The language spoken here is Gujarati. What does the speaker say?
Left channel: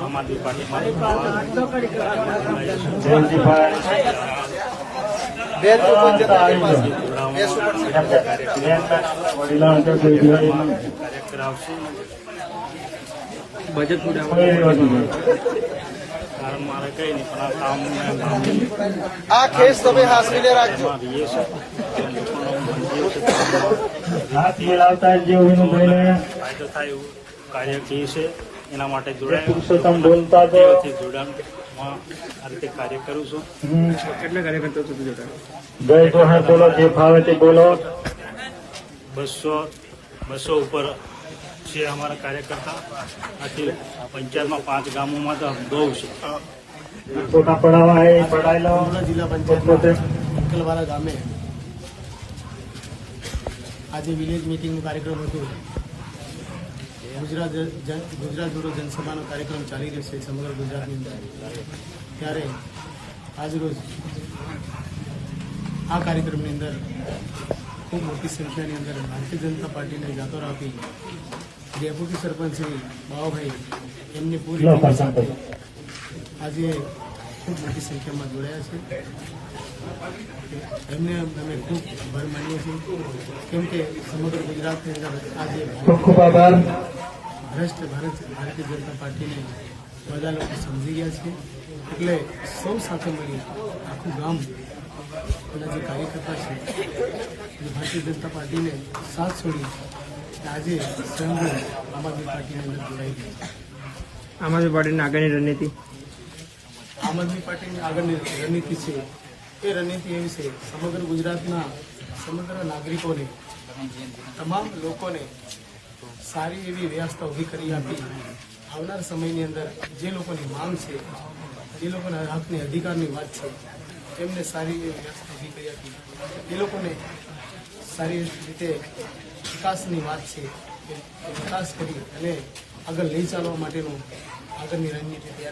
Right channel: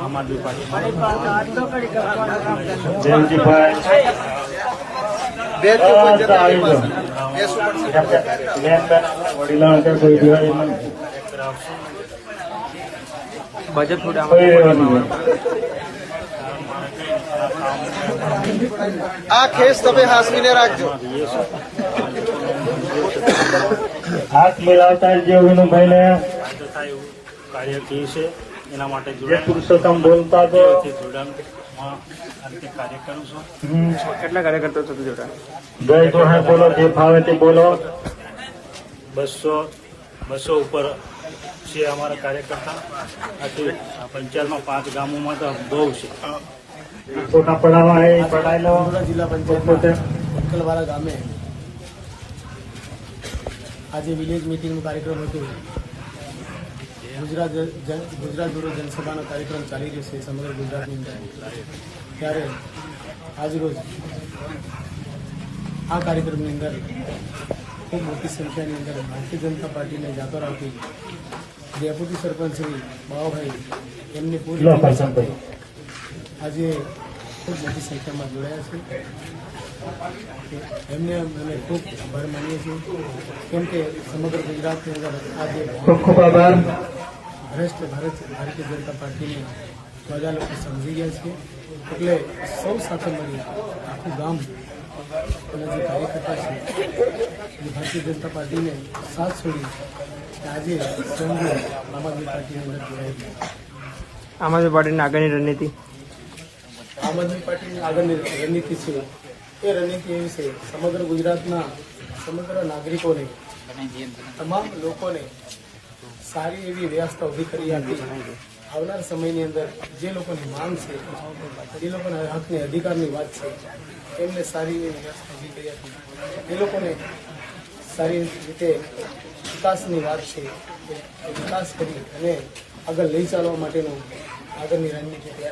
આમ આદમી પાર્ટીમાં બજેટ કારણ મારે કઈ નહીં પણ આ કામ આ કેસ તમે હાસવીને રાખજો. હાથ મિલાવતા જીવનભાઈને કાર્ય કી છે એના માટે પુરુષોત્તમ બોલતા જોડાણમાં આ રીતે કાર્ય કરું છું. કેટલા કાર્યકર્તાઓ સાથે જોડાણ 200 ઉપર છે અમારા કાર્યકર્તા. આથી પંચાયતમાં 5 ગામોમાં તો બહુ છે. ફોટા પડાવવા જિલ્લા પંચાયતના અંકલવાડા ગામે આજે વિલેજ મિટિંગનો કાર્યક્રમ હતો. ગુજરાત દોરો જનસભાનો કાર્યક્રમ ચાલી રહ્યો છે સમગ્ર ગુજરાતની અંદર. ત્યારે આજરોજ આ કાર્યક્રમની અંદર ખૂબ મોટી સંખ્યાની અંદર ભારતીય જનતા પાર્ટીને જાતો રાખી ડેપ્યુટી સરપંચ શ્રી બાવાભાઈ એમની પૂરી ટીમ સાથે આજે ખૂબ મોટી સંખ્યામાં જોડાયા છે. એમને અમે ખૂબ આભાર માનીએ છીએ, કેમ કે સમગ્ર ગુજરાતની અંદર આજે ભારતીય જનતા પાર્ટીને બધા લોકો સમજી ગયા છે. એટલે સૌ સાથે મળી આખું ગામ અને જે કાર્યકર્તા છે જે ભારતીય જનતા પાર્ટીને સાથ છોડી આજે સ્વયં આમ આદમી પાર્ટીની અંદર જોડાઈ ગઈ. આમ આદમી પાર્ટીની આગળની રણનીતિ આમ આદમી પાર્ટીની આગળની રણનીતિ છે એ રણનીતિ એવી છે સમગ્ર ગુજરાતના સમગ્ર નાગરિકોને તમામ લોકોને સારી એવી વ્યવસ્થા ઊભી કરી આપી. આવનાર સમયની અંદર જે લોકોની માંગ છે, જે લોકોના હકની અધિકારની વાત છે, એમને સારી એવી વ્યવસ્થા ઊભી કરી આપી. એ લોકોને સારી રીતે વિકાસની વાત છે એ વિકાસ કરી અને આગળ લઈ ચાલવા માટેનું આગળની રણનીતિ તૈયાર